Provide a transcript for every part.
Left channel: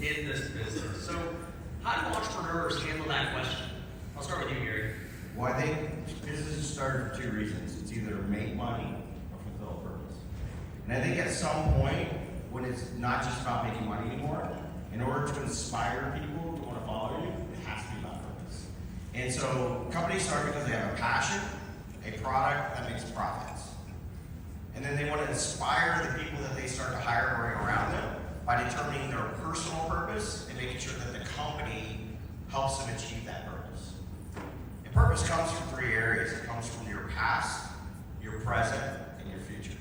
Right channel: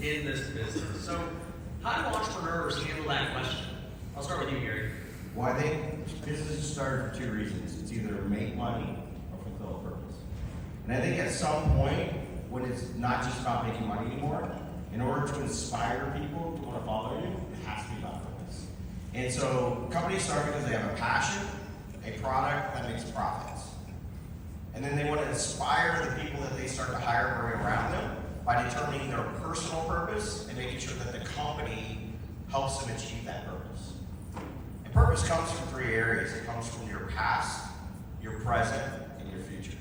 in this business. So how do entrepreneurs handle that question? I'll start with you, Gary. Well, I think businesses start for two reasons. It's either make money or fulfill a purpose. And I think at some point, when it's not just about making money anymore, in order to inspire people to want to follow you, it has to be about purpose. And so companies start because they have a passion, a product that makes profits. And then they want to inspire the people that they start to hire and bring around them by determining their personal purpose and making sure that the company helps them achieve that purpose. And purpose comes from three areas. It comes from your past, your present, and your future.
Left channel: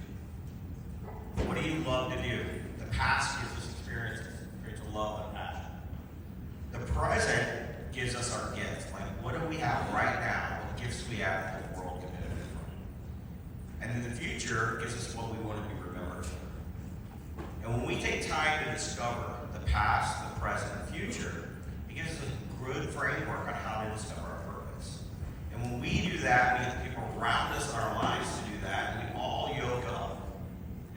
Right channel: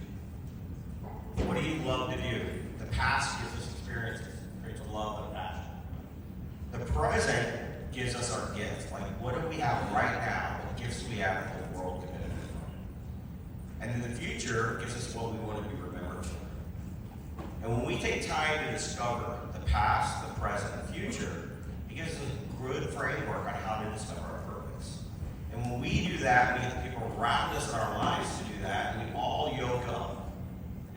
What do you love to do? The past gives us experiences, creates a love and a passion. The present gives us our gifts. Like, what do we have right now? What gifts do we have that the world can benefit from? And then the future gives us what we want to be remembered for. And when we take time to discover the past, the present, and the future, it gives us a good framework on how to discover our purpose. And when we do that, we get the people around us in our lives to do that, and we all yoke up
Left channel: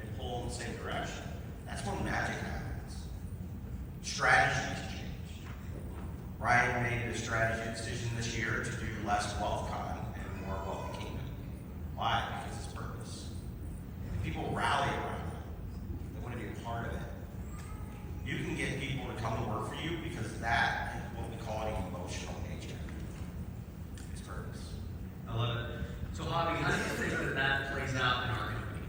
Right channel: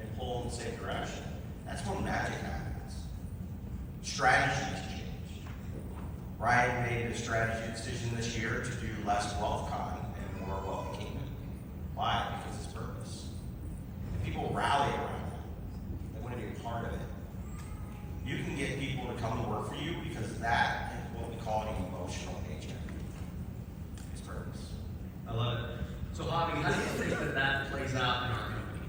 and pull in the same direction. That's when magic happens. Strategies change. Ryan made a strategy decision this year to do less WealthCon and more Wealthy Kingdom. Why? Because it's purpose. And people rally around it. They want to be a part of it. You can get people to come and work for you because that is what we call an emotional paycheck. It's purpose. I love it. So, Javi, how do you think that that plays out in our company?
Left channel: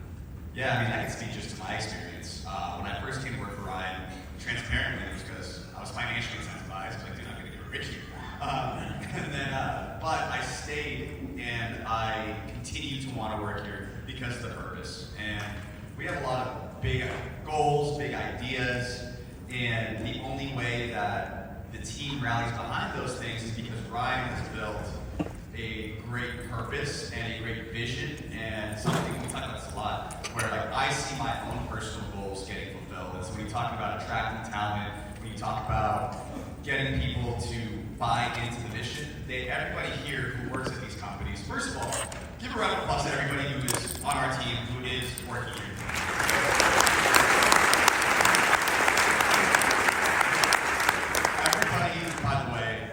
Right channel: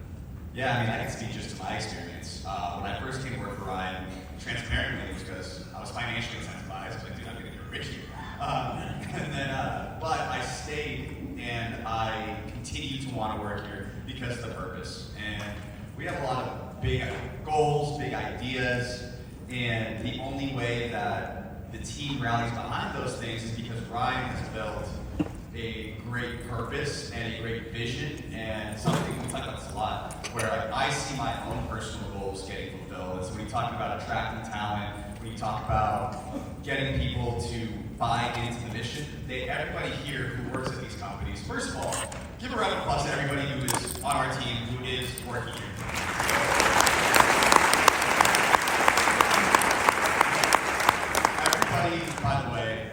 Yeah, I mean, I can speak just to my experience. When I first came to work for Ryan, transparently, it was because I was financially incentivized. I was like, dude, I'm going to get rich here. But I stayed and I continue to want to work here because of the purpose. And we have a lot of big goals, big ideas, and the only way that the team rallies behind those things is because Ryan has built a great purpose and a great vision, and something we talk about this a lot, where like I see my own personal goals getting fulfilled. And so when you talk about attracting talent, when you talk about getting people to buy into the mission, everybody here who works at these companies, first of all, give a round of applause to everybody who is on our team, who is working here. Everybody, by the way,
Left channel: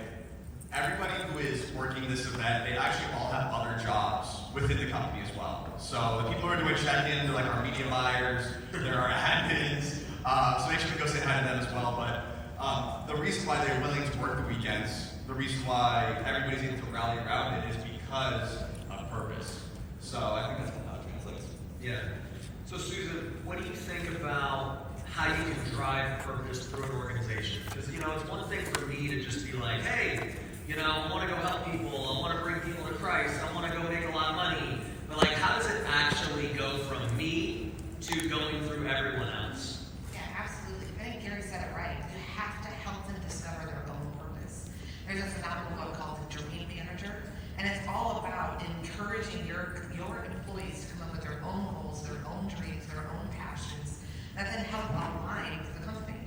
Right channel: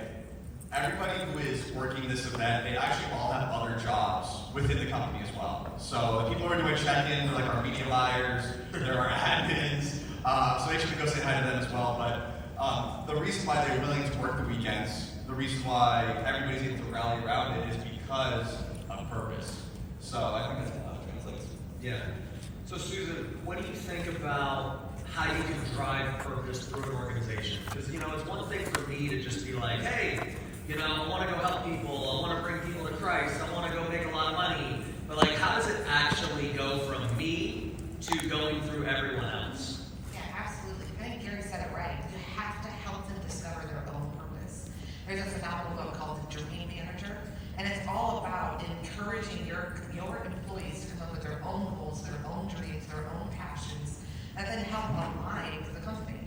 everybody who is working this event, they actually all have other jobs within the company as well. So the people who are doing check-in, they're like our media buyers, they're our admins, so make sure to go say hi to them as well. But the reason why they're willing to work the weekends, the reason why everybody's able to rally around it is because of purpose. So I think that's how it translates. Yeah. So Susan, what do you think about how you can drive purpose through an organization? Because, you know, it's one thing for me to just be like, hey, you know, I want to go help people, I want to bring people to Christ, I want to go make a lot of money. But like, how does it actually go from me to going through everyone else? Yeah, absolutely. I think Gary said it right. You have to help them discover their own purpose. There's a phenomenal book called The Dream Manager, and it's all about encouraging your employees to come up with their own goals, their own dreams, their own passions, that then help align with the company.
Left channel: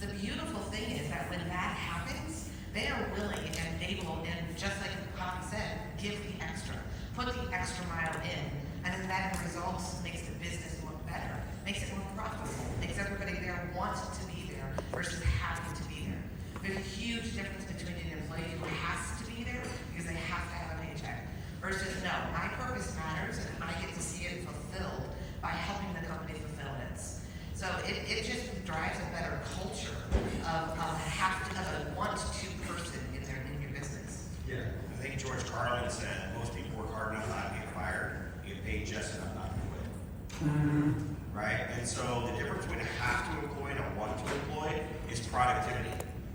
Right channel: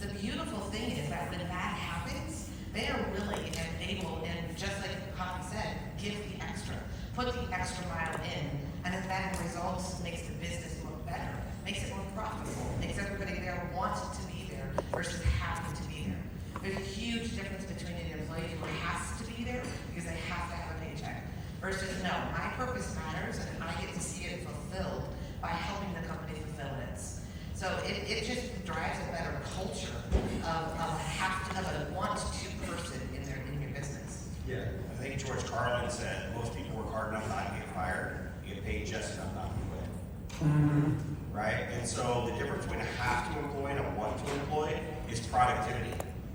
The beautiful thing is that when that happens, they are willing and able, and just like Javi said, give the extra, put the extra mile in, and then that results makes the business look better, makes it more profitable, makes everybody there want to be there versus having to be there. There's a huge difference between an employee who has to be there because they have to have a paycheck versus no, my purpose matters and I get to see it fulfilled by helping the company fulfill it. So it just drives a better culture of a want-to person in your business. Yeah. I think George Carlin said most people work hard enough not to get fired, you get paid just enough not to quit. Mm-hmm. Right? And so the difference between a have to employ and a want to employ is productivity.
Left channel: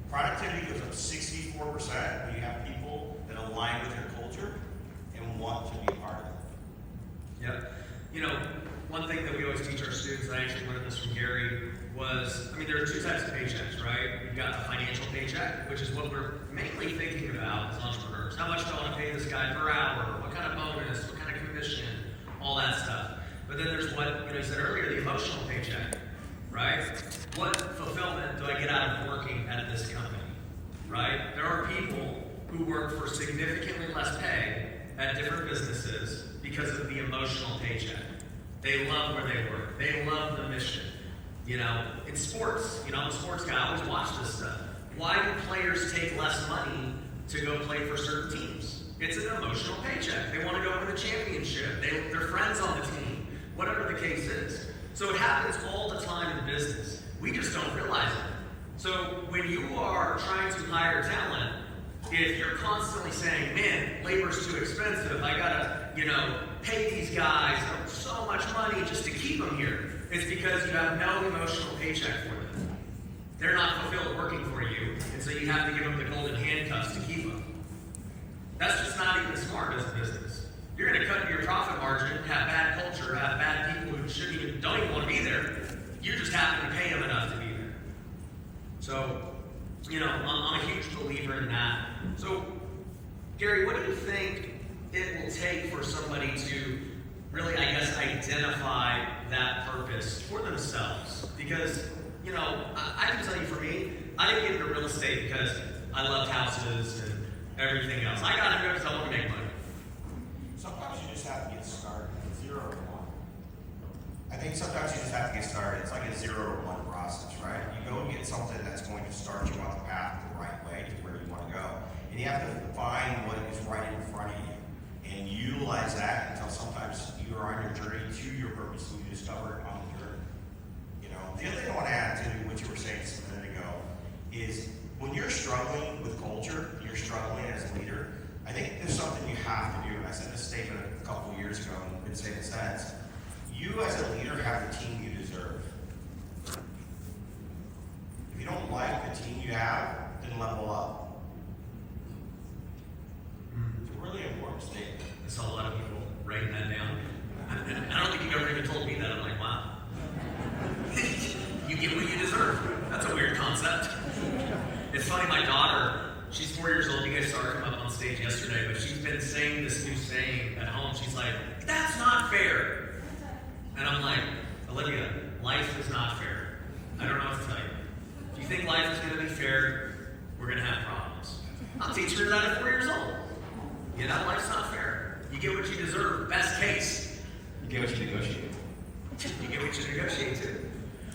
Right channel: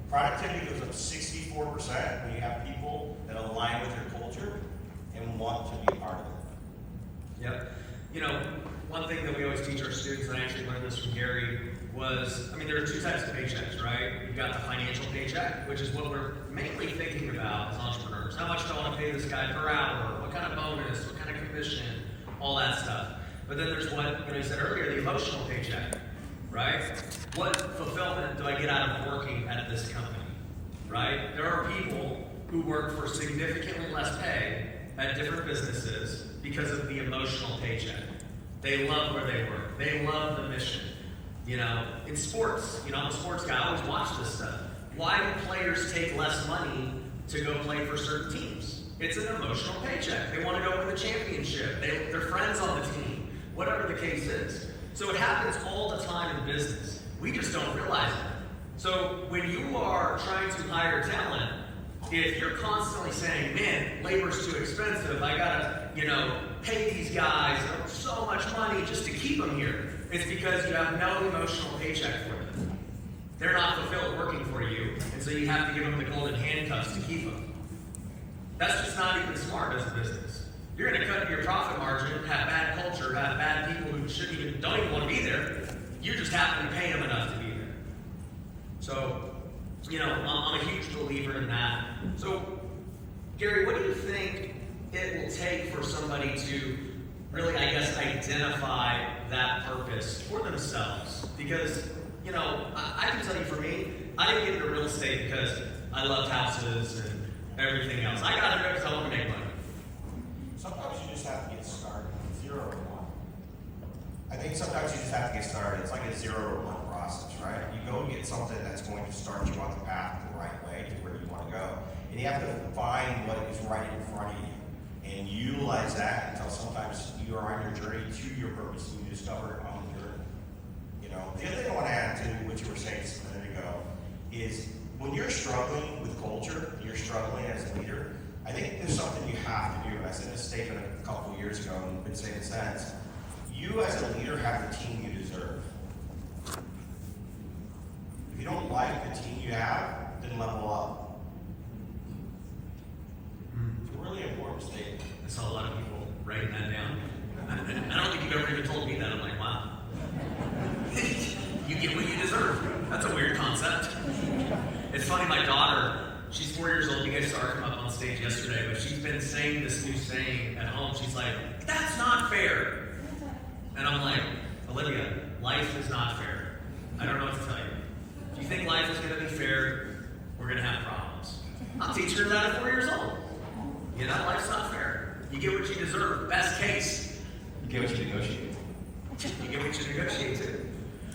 Productivity goes up 64% when you have people that align with your culture and want to be a part of it. Yep. You know, one thing that we always teach our students, and I actually learned this from Gary, was, I mean, there are two types of paychecks, right? You've got the financial paycheck, which is what we're mainly thinking about as entrepreneurs. How much do I want to pay this guy per hour? What kind of bonus? What kind of commission? All that stuff. But then there's what, you know, you said earlier, the emotional paycheck, right? What fulfillment do I get out of working at this company, right? There are people who work for significantly less pay at different businesses because of the emotional paycheck. They love where they work. They love the mission. You know, in sports, you know, I'm a sports guy, I always watch this stuff. Why do players take less money to go play for certain teams? It's an emotional paycheck. They want to go for the championship. They're friends on the team, whatever the case is. So it happens all the time in business. We just don't realize it. So when you are trying to hire talent, if you're constantly saying, man, labor's too expensive, I gotta, you know, pay these guys so much money just to keep them here, it's because you have no emotional paycheck for them. They're not fulfilled working for you, and so you have to give them the golden handcuffs to keep them. That's just not even smart as a business. You're going to cut your profit margin, have bad culture, have bad people who don't even want to be there. You just happen to pay them enough to be there. So, you know, I'm a huge believer in that. So, Gary, what do you think it will take for somebody to really, I guess, identify that purpose for themselves? Because, you know, I can tell you for me, I didn't get into real estate because I loved houses and everything else. I got into it because I wanted to make money. Sometimes you just have to get started with 0 to 1. I think sometimes you just have to get started. It's like a 0 to 1 process, right? You go and get something that's going to start you on the path the right way to where you want to go. And you have to find what is right in front of you and utilize that until sometimes you are on your journey to your purpose and you discover it on the journey. You know, the other thing I want to add to what you were saying just a minute ago is when you're struggling with culture, you're struggling as a leader, I think there's something you have to do. I said this statement a couple of years ago and been saying it since. You as a leader have the team you deserve. If you don't like the team you have, then level up. It's a really important statement. I saw a lot of people writing that down. I don't think you've ever even told me that. I'm like, wow. You get what you deserve. That's a weird concept. It's funny, my daughter, she's 4 years old. You guys saw her come up on stage yesterday, but she's been saying this new saying at home. She's like, that's not fair. And I'm like, Olivia, life is not fair. I don't know what to tell you. If you think life is going to be fair, we're going to have problems. I'm teaching her that at 4 years old. You know, life's not fair. You get what you deserve. Best case. You get what you negotiate. You get what you negotiate to.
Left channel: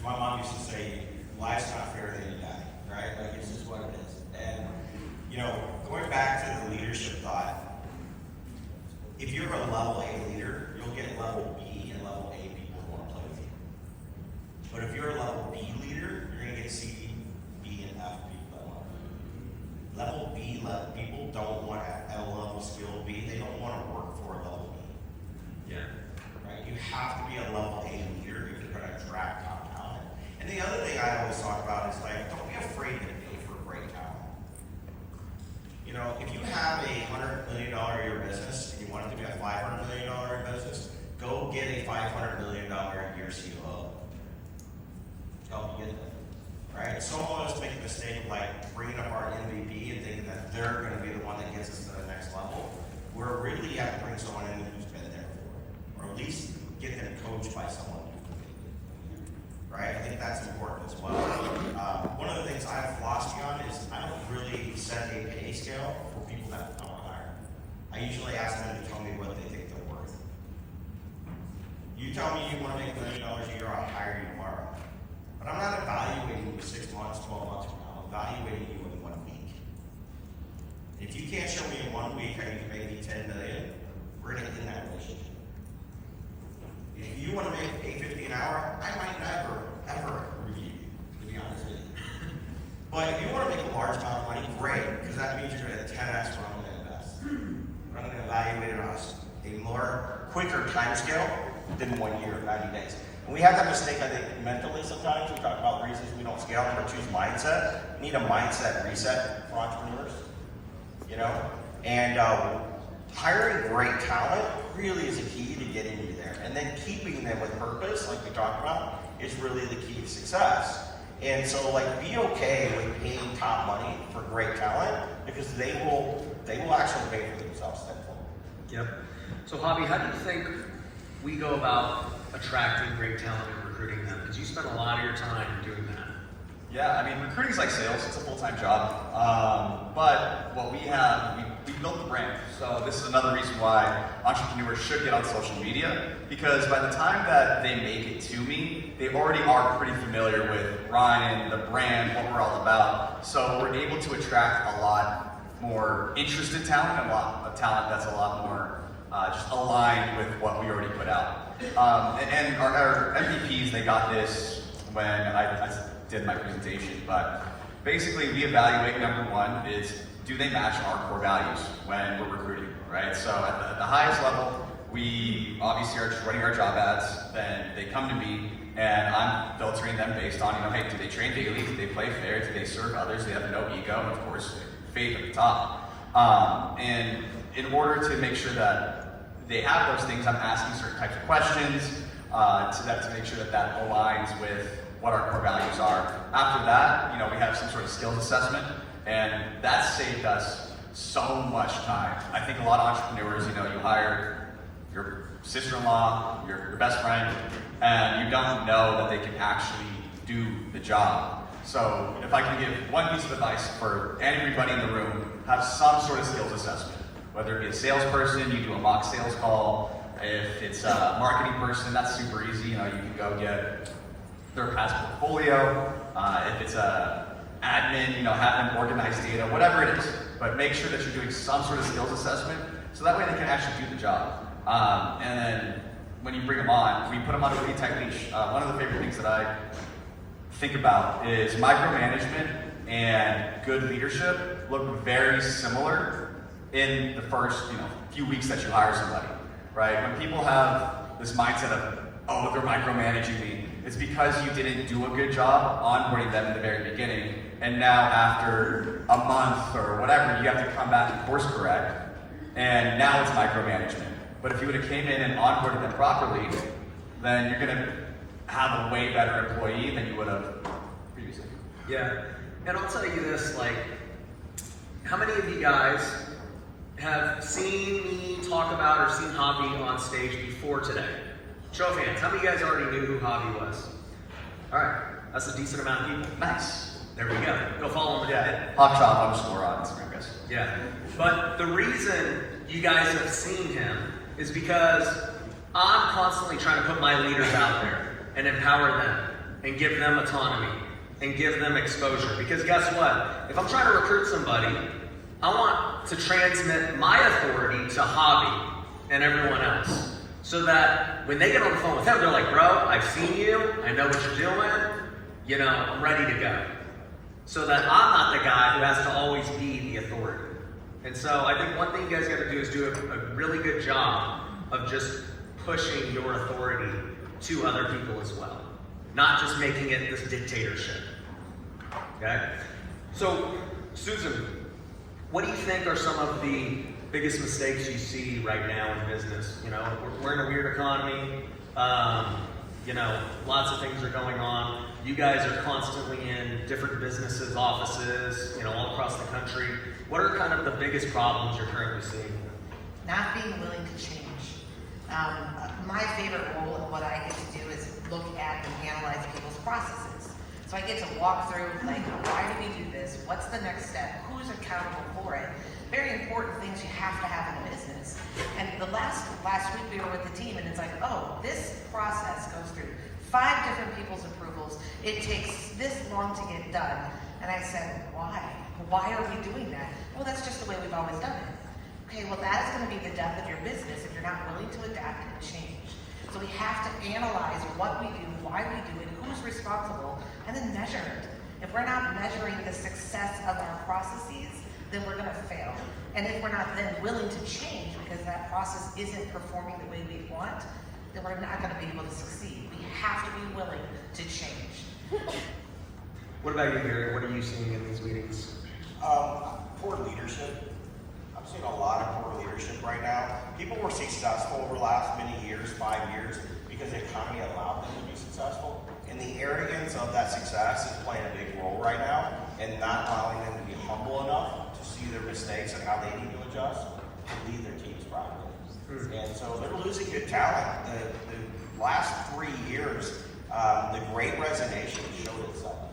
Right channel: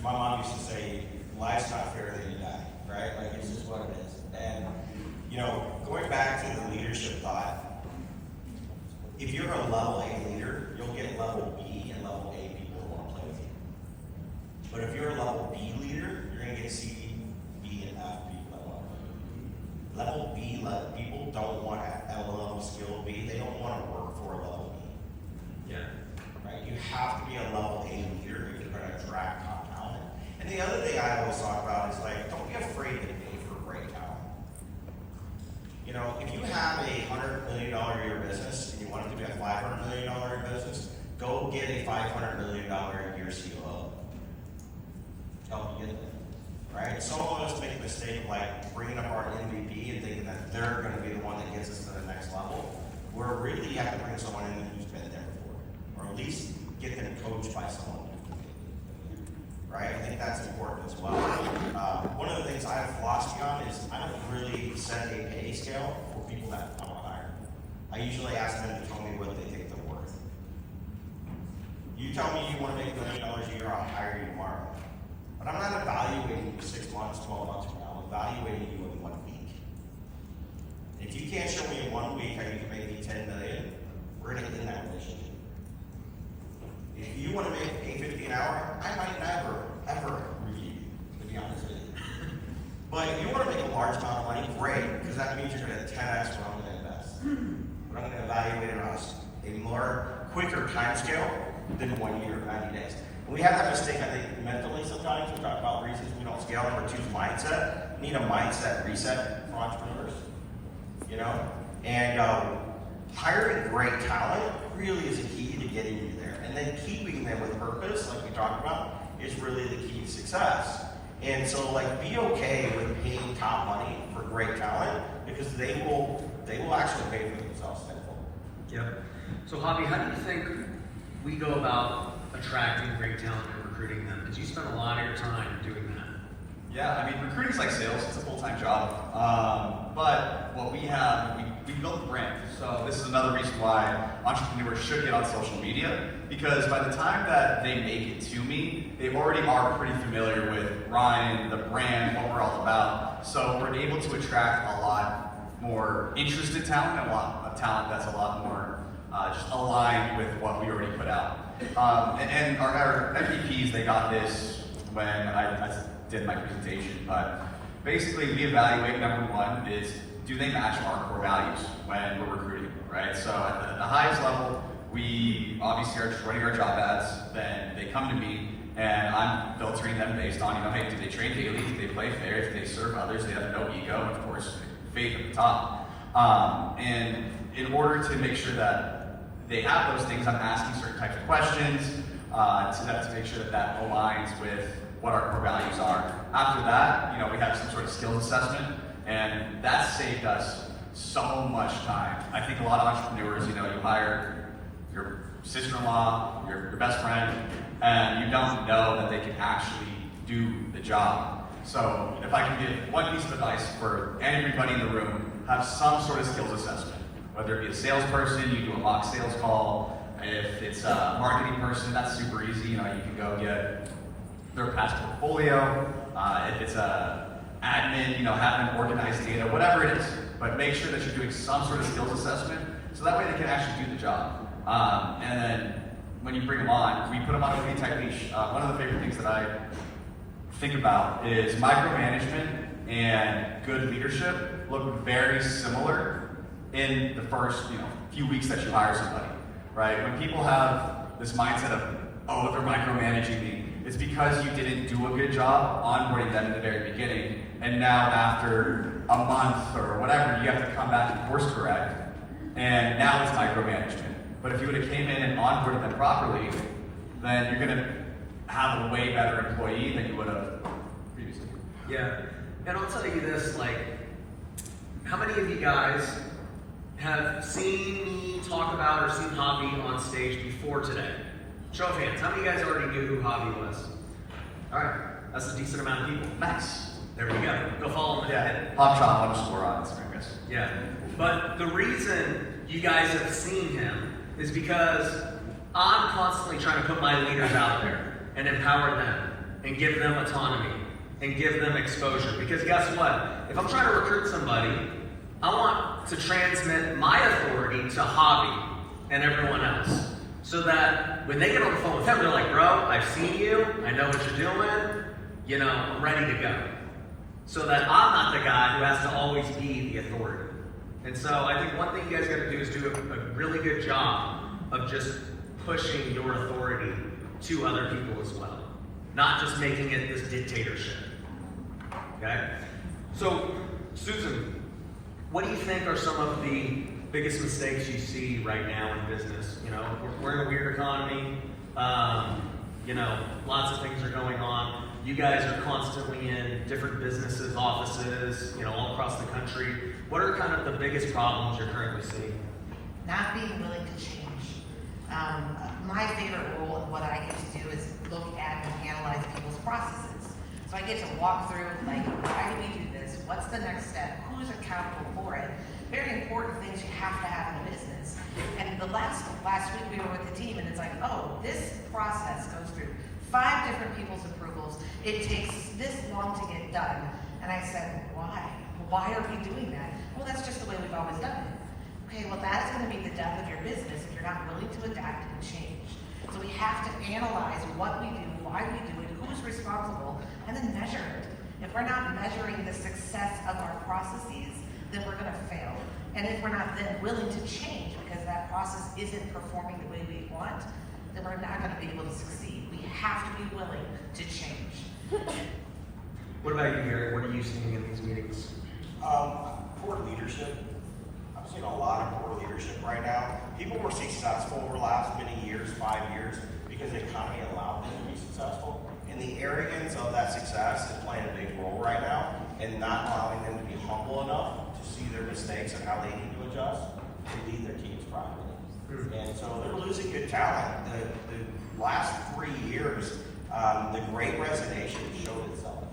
My mom used to say, life's not fair, then you die, right? Like, it's just what it is. And, you know, going back to the leadership thought, if you're a level A leader, you'll get level B and level A people who want to play with you. But if you're a level B leader, you're going to get C, B, and F people that want to play with you. Level B people don't want a level skill B. They don't want to work for a level B. Yeah. Right? You have to be a level A leader if you're going to attract top talent. And the other thing I always talk about is like, don't be afraid to pay for great talent. You know, if you have a $100 million a year business and you want it to be a $500 million a year business, go get a $500 million a year COO. Help you get there. Right? Some of us make the mistake of like bringing up our MVP and thinking that they're going to be the one that gets us to the next level. Where really you have to bring someone in who's been there before, or at least get them coached by someone. Right? I think that's important as well. One of the things I have philosophy on is I don't really set a pay scale for people that I want to hire. I usually ask them to tell me what they think they're worth. You tell me you want to make $1 million a year, I'll hire you tomorrow. But I'm not evaluating you 6 months, 12 months from now. I'm evaluating you in 1 week. If you can't show me in 1 week how you can make me $10 million, we're going to end that relationship. If you want to make $8.50 an hour, I might never, ever review you, to be honest with you. But if you want to make a large amount of money, great, because that means you're going to 10x what I'm going to invest. But I'm going to evaluate it on a more quicker time scale than 1 year, 90 days. And we have that mistake, I think, mentally sometimes. We talk about reasons we don't scale or choose mindset. We need a mindset reset for entrepreneurs, you know? And hiring great talent really is a key to getting you there. And then keeping them with purpose, like we talked about, is really the key to success. And so, like, be okay with paying top money for great talent because they will actually pay for themselves. Yep. So, Hobby, how do you think we go about attracting great talent and recruiting them? Because you spend a lot of your time doing that. Yeah, I mean, recruiting's like sales. It's a full-time job. But what we have, we built the brand. So this is another reason why entrepreneurs should get on social media because by the time that they make it to me, they already are pretty familiar with Ryan, the brand, what we're all about. So we're able to attract a lot more interested talent, and a lot of talent that's a lot more just aligned with what we already put out. And our MVPs, they got this when I did my presentation, but basically we evaluate, number one, is do they match our core values when we're recruiting, right? So at the highest level, we obviously are just running our job ads, then they come to me, and I'm filtering them based on, hey, do they train daily, do they play fair, do they serve others, do they have no ego, and of course, faith at the top. And in order to make sure that they have those things, I'm asking certain types of questions to make sure that aligns with what our core values are. After that, we have some sort of skills assessment, and that's saved us so much time. I think a lot of entrepreneurs, you hire your sister-in-law, your best friend, and you don't know that they can actually do the job. So if I can give one piece of advice for everybody in the room, have some sort of skills assessment. Whether it be a salesperson, you do a mock sales call. If it's a marketing person, that's super easy. You can go get their past portfolio. If it's a admin, have them organize data, whatever it is. But make sure that you're doing some sort of skills assessment, so that way they can actually do the job. And then when you bring them on, we put them on a really tight leash. One of the favorite things that I think about is micromanagement and good leadership look very similar in the first few weeks that you hire somebody, right? When people have this mindset of, they're micromanaging me, it's because you didn't do a good job onboarding them in the very beginning, and now after a month or whatever, you have to come back and course correct, and now it's micromanagement. But if you would have came in and onboarded them properly, then you're gonna have a way better employee than you would have previously. Yeah, and I'll tell you this, how many of you guys have seen me talk about or seen Javi on stage before today? Show of hands, how many of you guys already knew who Javi was? All right, that's a decent amount of people. Nice. There we go. Go follow him. Yeah, hotshot_on Instagram, guys. Yeah, but the reason you guys have seen him is because I'm constantly trying to put my leaders out there and empower them and give them autonomy and give them exposure. Because guess what? If I'm trying to recruit somebody, I want to transmit my authority to Javi and everyone else. So that when they get on the phone with him, they're like, bro, I've seen you, I know what you're doing, I'm ready to go. So that I'm not the guy who has to always be the authority. And so I think one thing you guys got to do is do a really good job of just pushing your authority to other people as well. Not just making it this dictatorship. Okay? So, Susan, what do you think are some of the biggest mistakes you see right now in business? We're in a weird economy. Lots of things are going on. You guys are constantly in different businesses, offices, all across the country. What are kind of the biggest problems you're currently seeing? Not being willing to change. My favorite role of what I get to do is look at and analyze people's processes. So I get to walk through, why do we do this? What's the next step? Who's accountable for it? Very important things you have to have in business. And the last week we were with the team, and it's this process goes through 5 different people's approvals. It takes this long to get done. And I said, why? Why are we doing that? Well, that's just the way we've always done it. Okay, well, that's going to be the death of your business if you're not willing to adapt and change. So we have to analyze what we do, why we do it, who's responsible, and then measure it. If we're not measuring the success of our processes, then we're going to fail. And if we're not then willing to change because that process isn't performing the way we want, then we're not going to be able to succeed. We have to be willing to change. What about you, Gary? What are you seeing in these meetings? Poor leadership. I'm seeing a lot of poor leadership right now. People were successful over the last many years, 5 years, because the economy allowed them to be successful. And the arrogance of that success is playing a big role right now, and not allowing them to be humble enough to see their mistakes and how they need to adjust to lead their teams properly. And so they're losing good talent. The last 3 years, the Great Resignation showed itself.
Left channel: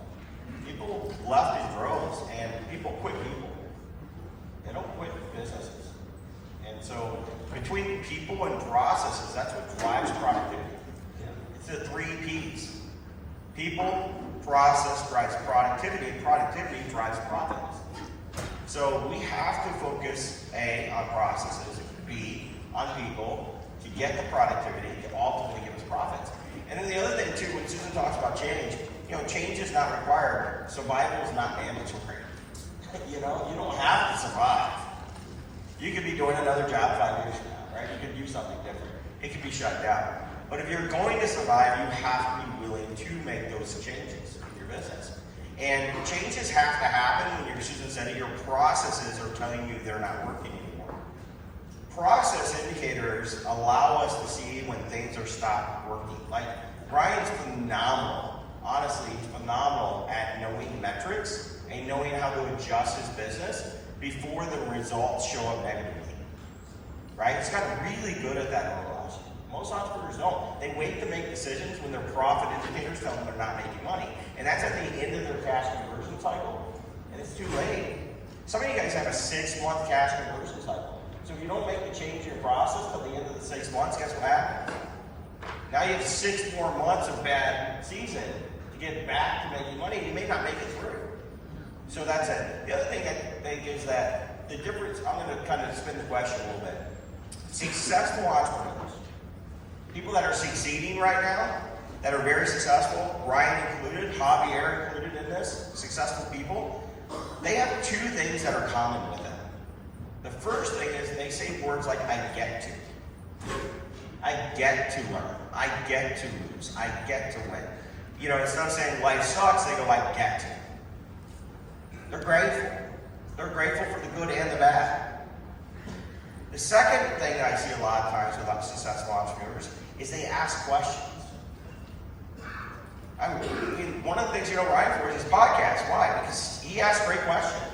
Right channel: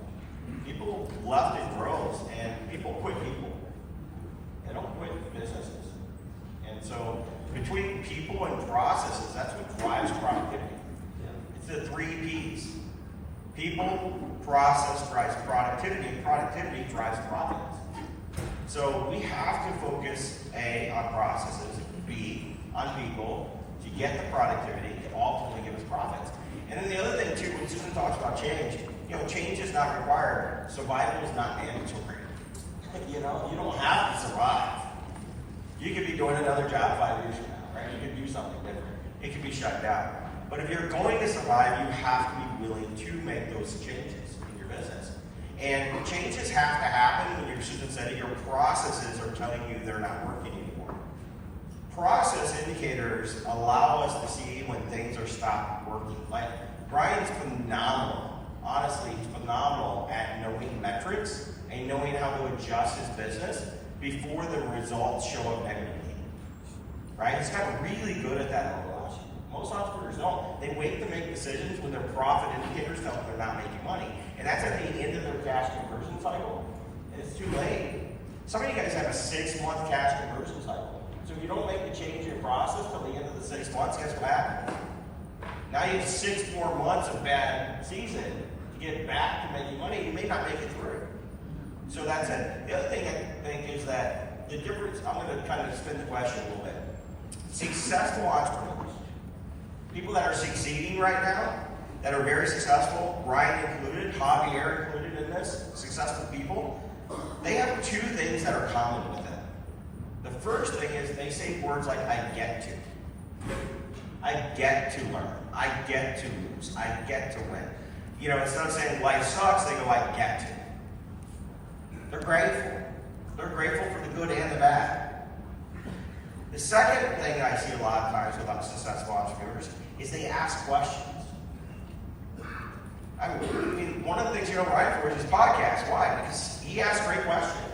People left in droves, and people quit people. They don't quit businesses. And so between people and processes, that's what drives productivity. It's the 3 Ps. People, process drives productivity, and productivity drives profits. So we have to focus A, on processes, B, on people, to get the productivity, to ultimately give us profits. And then the other thing too, when Susan talks about change, change is not required. Survival is not mandatory. You don't have to survive. You could be doing another job 5 years from now, right? You could do something different. It could be shut down. But if you're going to survive, you have to be willing to make those changes in your business. And changes have to happen when Susan said your processes are telling you they're not working anymore. Process indicators allow us to see when things are stopped working. Like Ryan's phenomenal. Honestly, he's phenomenal at knowing metrics and knowing how to adjust his business before the results show up negatively. Right? He's gotten really good at that. Most entrepreneurs don't. They wait to make decisions when their profit indicators tell them they're not making money. And that's at the end of their cash conversion cycle. And it's too late. Some of you guys have a 6-month cash conversion cycle. So if you don't make the change in your process till the end of the 6 months, guess what happens? Now you have 6 more months of bad season to get back to making money. You may not make it through. So that's it. The other thing I think is that the difference, I'm going to kind of spin the question a little bit. Successful entrepreneurs, people that are succeeding right now, that are very successful, Ryan included, Javier included in this, successful people, they have 2 things that are common with them. The first thing is they say words like, I get to. I get to learn. I get to lose. I get to win. Instead of saying life sucks, they go, I get to. They're grateful. They're grateful for the good and the bad. The second thing that I see a lot of times with successful entrepreneurs is they ask questions. One of the things you know Ryan for is his podcast. Why? Because he asks great questions.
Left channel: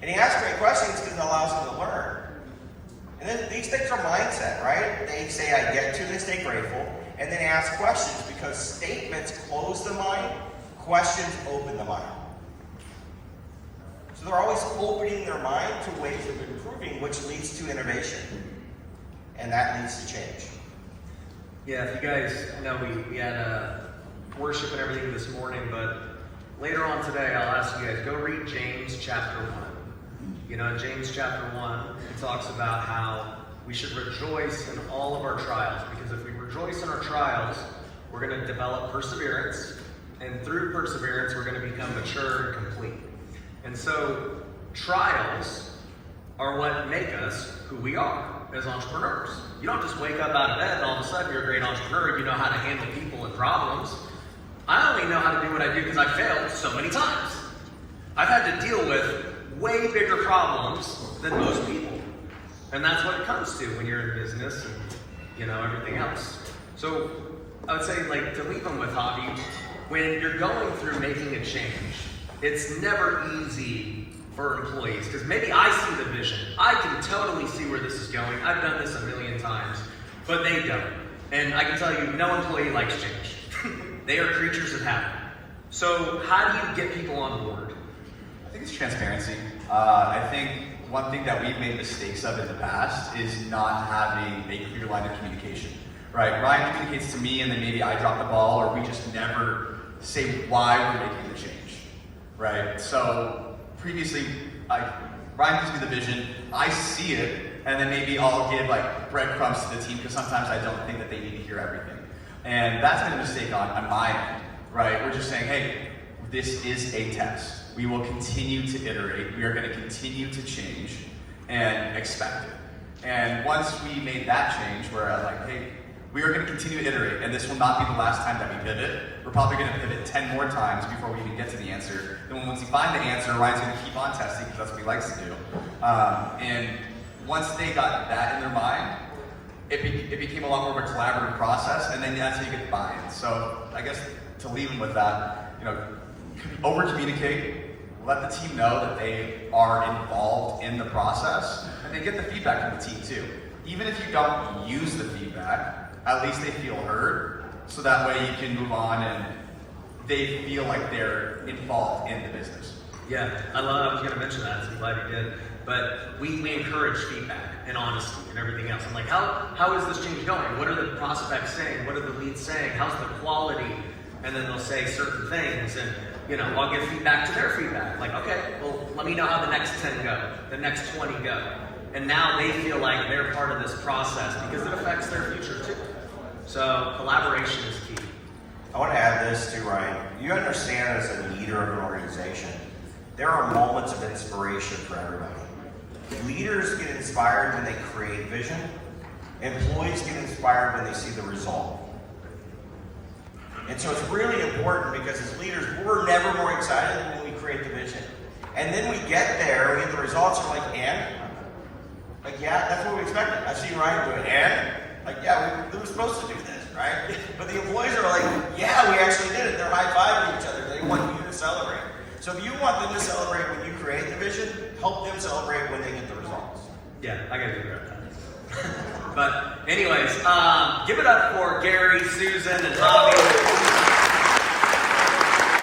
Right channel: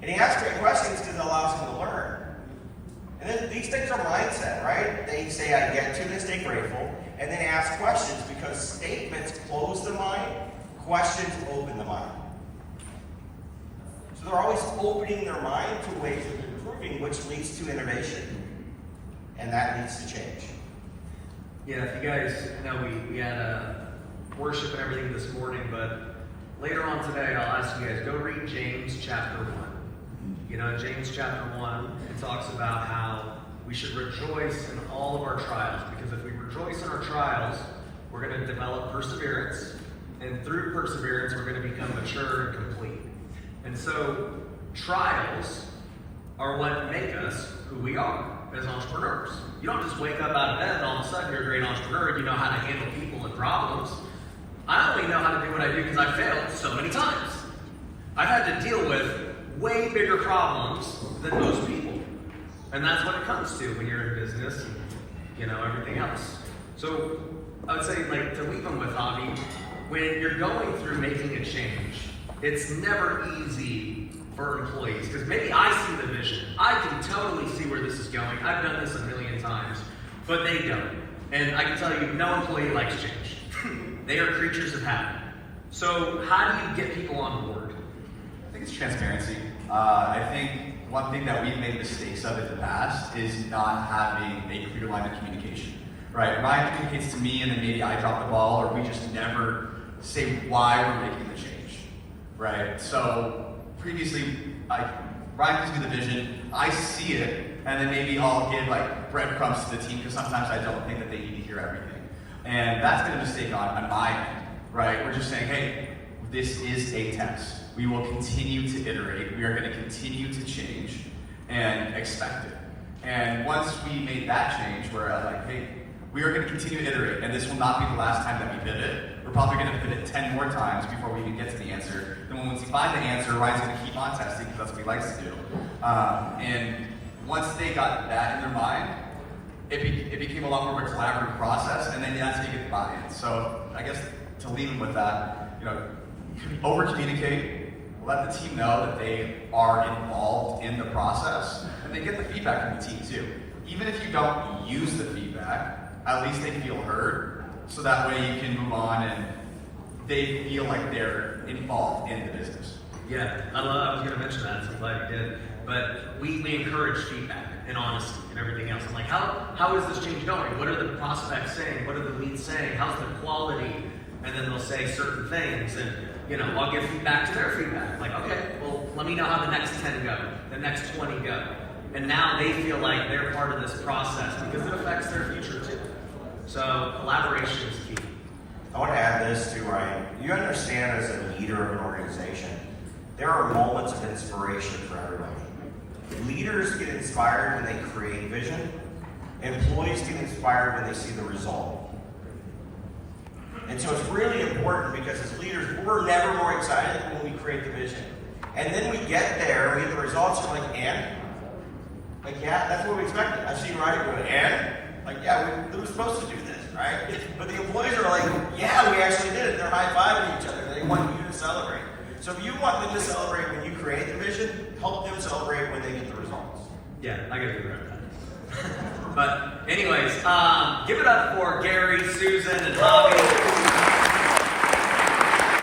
And he asks great questions because it allows him to learn. And then these things are mindset, right? They say, I get to, they stay grateful, and then ask questions because statements close the mind, questions open the mind. So they're always opening their mind to ways of improving, which leads to innovation. And that leads to change. Yeah, if you guys know, we had worship and everything this morning, but later on today, I'll ask you guys, go read James chapter 1. James chapter 1, it talks about how we should rejoice in all of our trials, because if we rejoice in our trials, we're going to develop perseverance, and through perseverance, we're going to become mature and complete. And so, trials are what make us who we are as entrepreneurs. You don't just wake up out of bed and all of a sudden you're a great entrepreneur. You know how to handle people and problems. I only know how to do what I do because I've failed so many times. I've had to deal with way bigger problems than most people. And that's what it comes to when you're in business and, everything else. So I would say, to leave them with Javi, when you're going through making a change, it's never easy for employees, because maybe I see the vision. I can totally see where this is going. I've done this a million times, but they don't. And I can tell you, no employee likes change. They are creatures of habit. So how do you get people on board? I think it's transparency. I think one thing that we've made mistakes of in the past is not having a clear line of communication. Right? Ryan communicates to me, and then maybe I drop the ball, or we just never say why we're making the change. Right? So previously, Ryan gives me the vision, I see it, and then maybe I'll give breadcrumbs to the team, because sometimes I don't think that they need to hear everything. And that's been a mistake on my end, right? We're just saying, hey, this is a test. We will continue to iterate. We are going to continue to change and expect it. And once we made that change, we're hey, we are going to continue to iterate, and this will not be the last time that we pivot. We're probably going to pivot 10 more times before we even get to the answer. Then once we find the answer, Ryan's going to keep on testing, because that's what he likes to do. And once they got that in their mind, it became a lot more of a collaborative process, and then that's how you get the buy-in. So I guess to leave them with that, over-communicate, let the team know that they are involved in the process, and they get the feedback from the team too. Even if you don't use the feedback, at least they feel heard, so that way you can move on and they feel like they're involved in the business. Yeah, I was going to mention that, so I'm glad you did. But we encourage feedback. and honesty and everything else. I'm like, how is this change going? What are the prospects saying? What are the leads saying? How's the quality? And then they'll say certain things, and I'll give feedback to their feedback. Like, okay, well, let me know how the next 10 go, the next 20 go. And now they feel like they're part of this process because it affects their future too. So collaboration is key. I want to add this too, Ryan. You understand as a leader of an organization, there are moments of inspiration for everybody. Leaders get inspired when they create vision. Employees get inspired when they see the result. And so it's really important because as leaders, we're never more excited than when we create the vision. And then we get there, we get the results, and we're like, and? Like, yeah, that's what we expected. I've seen Ryan going, and? Like, yeah, we were supposed to do this, right? But the employees are like, yeah, we actually did it. They're high-fiving each other. They want you to celebrate. So if you want them to celebrate when you create the vision, help them celebrate when they get the results. Yeah, I gotta figure out that. But anyways, give it up for Gary, Susan, and Bobby.